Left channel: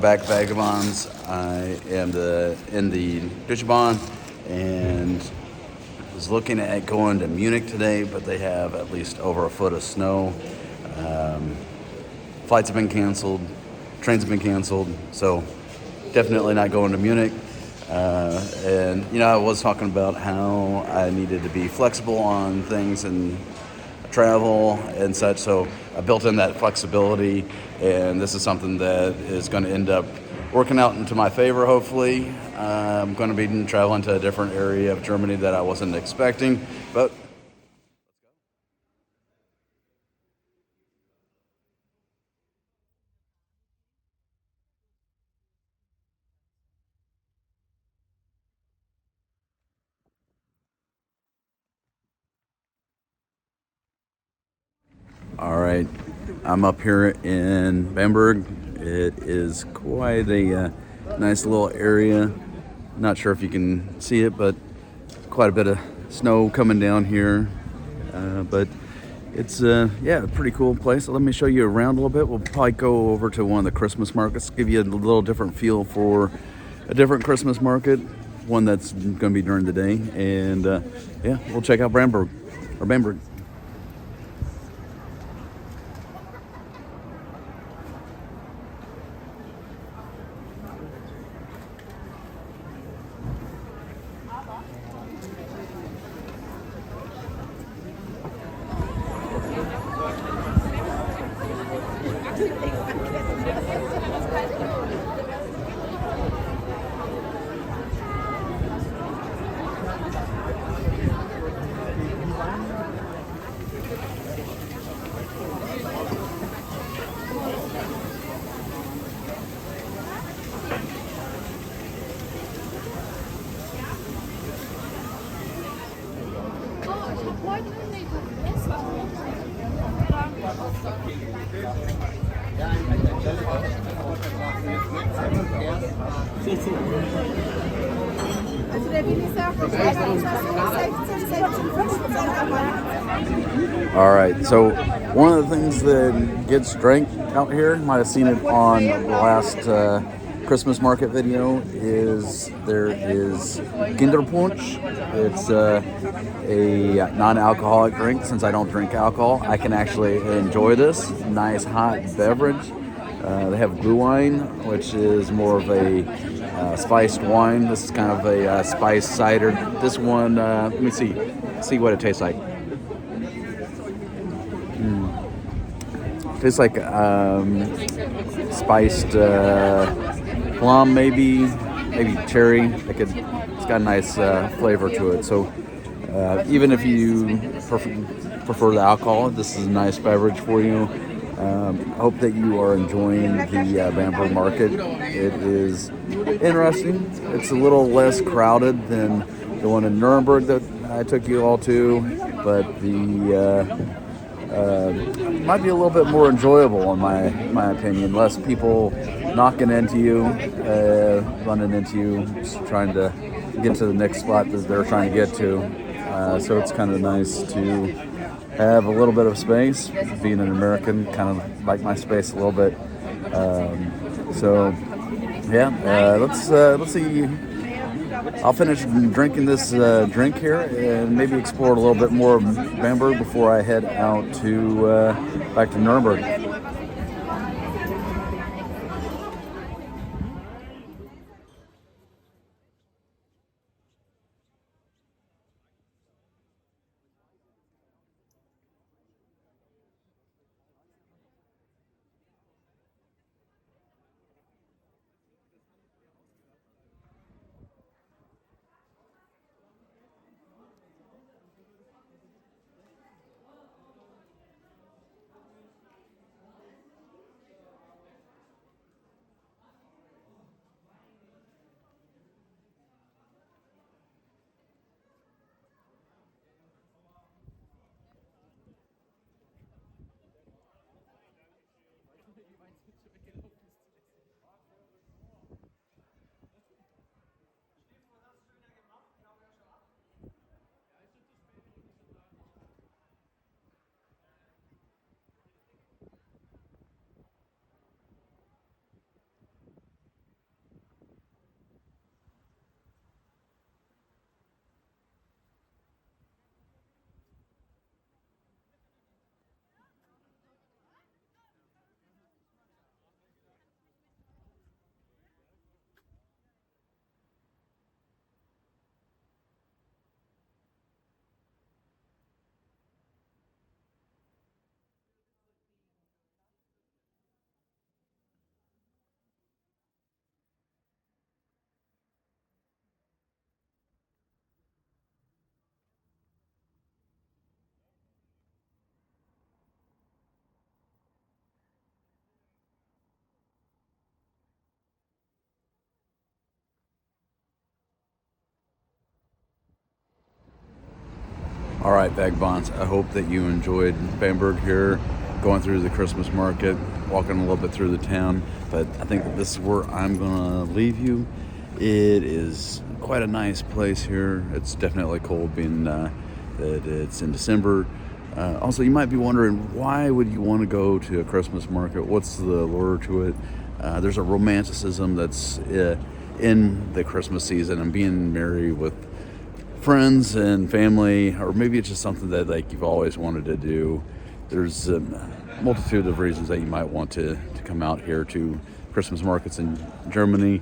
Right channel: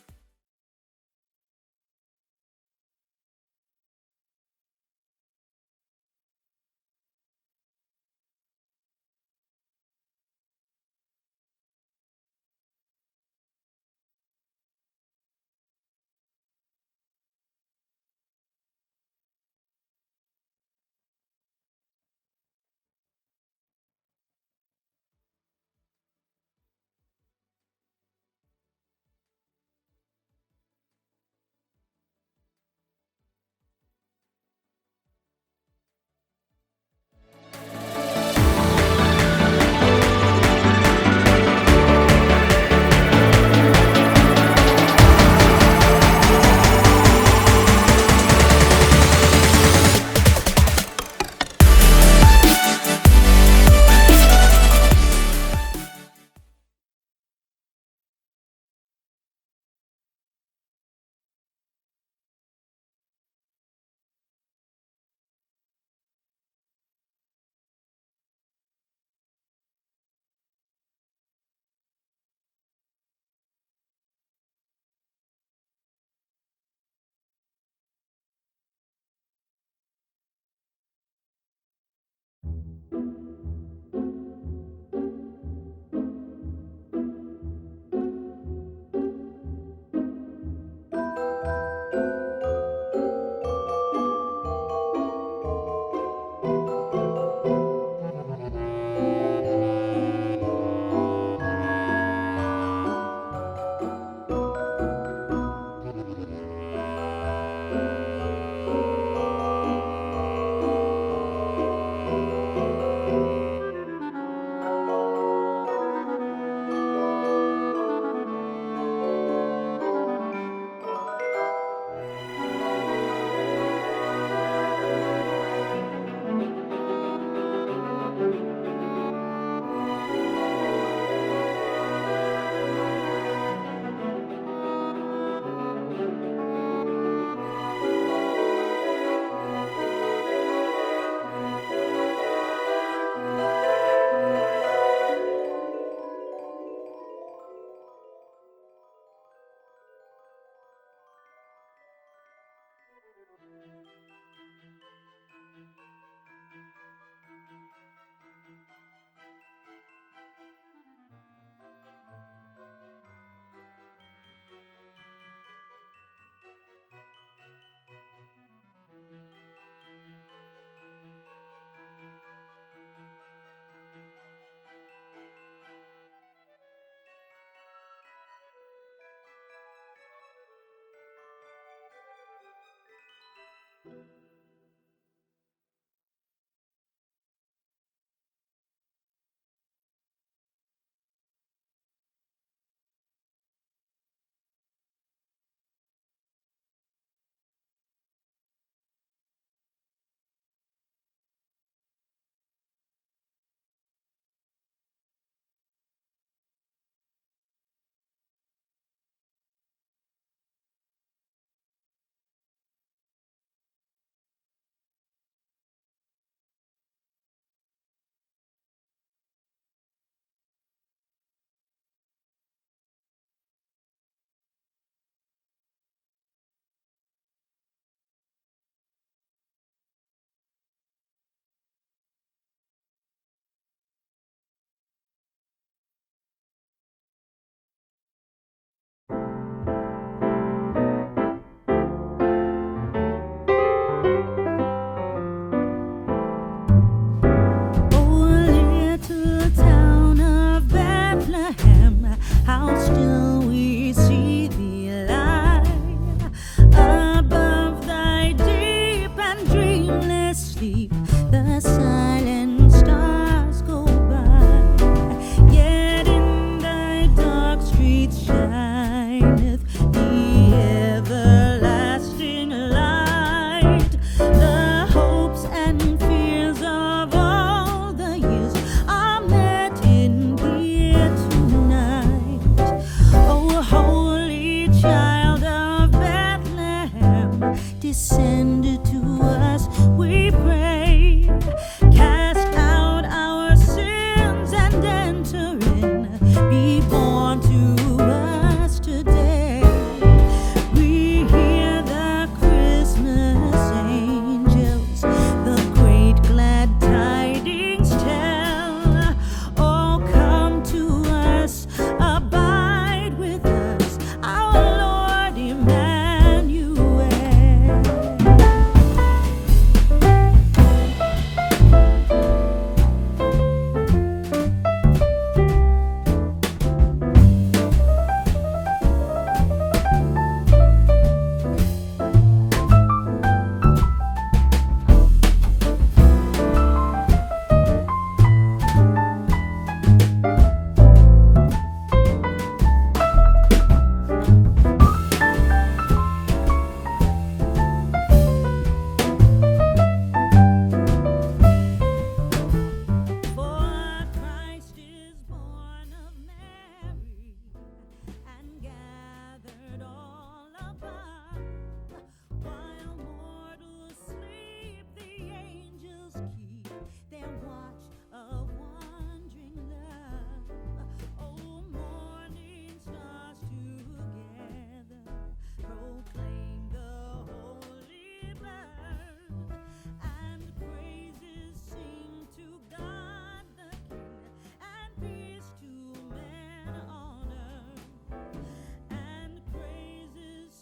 welcome back, Vagabonds. I am in the Deutsche and was looking at going to Munich today, but they have at least over a foot of snow. Flights have been canceled, trains have been canceled, so definitely not going to Munich. And I was talking about how I needed to be flexible on things and travel and such, so I built in that flexibility, and this is something that is going to end up working out into my favor, hopefully. I'm going to be traveling to a different area of Germany that I wasn't expecting, but I'm up here in Bamberg. It is quite a nice little area. Not sure if you can see it, but quite a bit of snow coming down here. But it's a pretty cool place. So let me show you around a little bit. We'll probably go over to one of the Christmas markets, give you a little different feel for a different Christmas market, one that's going to be during the day. And we'll check out Bamberg. All right, so one of the things that gets drank out here, you might have seen it on the last Christmas market video, is there is Gingerpunsch. It's a non-alcoholic drink. Since I don't drink alcohol, I can actually enjoy this nice hot beverage. They have Glühwein, which is more of a spiced wine. This is kind of a spiced cider. This one, let me see what it tastes like. Tastes like spiced plum, maybe cherry. It's got a nice flavor to it. So even if you prefer the alcohol, this is a nice beverage for you. I hope that you are enjoying the Bamberg market. It is interesting. It's a little less crowded than the one in Nuremberg that I took you all to, but the might be a little bit more enjoyable in my opinion. Less people knocking into you, running into you, just trying to get to the next spot that they're trying to get to. So it's kind of nice to have a little bit of space. Being an American, kind of like my space a little bit. Let's see. I'll finish drinking this drink here and maybe explore a little bit more of Bamberg before I head out to back to Nuremberg. The silent stars go by, yet in hope that you enjoyed Bamberg here, going through the Christmas market, walking a little bit through the town. But I think that this is where I'm going to leave you. It is quite a nice place here. It's definitely cold being that it's in December. Also, you might be wondering, why would you want to go to a Christmas market? What's the allure to it? There's a romanticism that's in the Christmas season and being merry with friends and family, or maybe it's just something that like you've always wanted to do. There's a multitude of reasons that you might want to come out here to Christmas markets in Germany.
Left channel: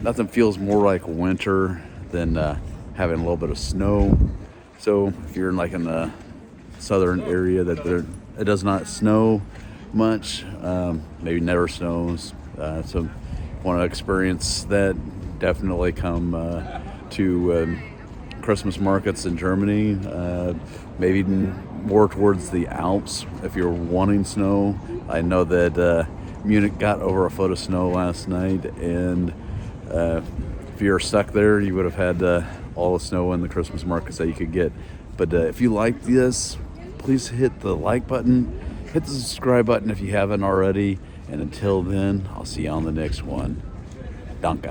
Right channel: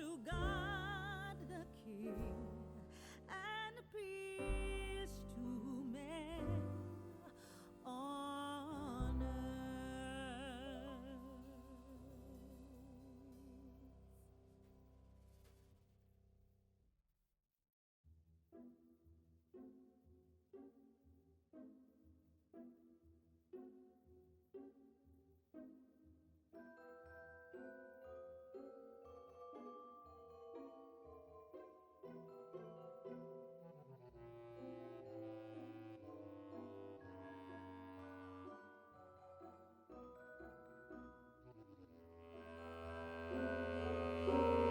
Nothing feels more like winter than having a little bit of snow. So if you're like in the southern area it does not snow much, maybe never snows. So want to experience that, definitely come to Christmas markets in Germany, maybe more towards the Alps if you're wanting snow. I know that Munich got over a foot of snow last night, and if you're stuck there, you would have had all the snow in the Christmas markets that you could get. But if you like this, please hit the like button, hit the subscribe button if you haven't already, and until then, I'll see you on the next one. Danke.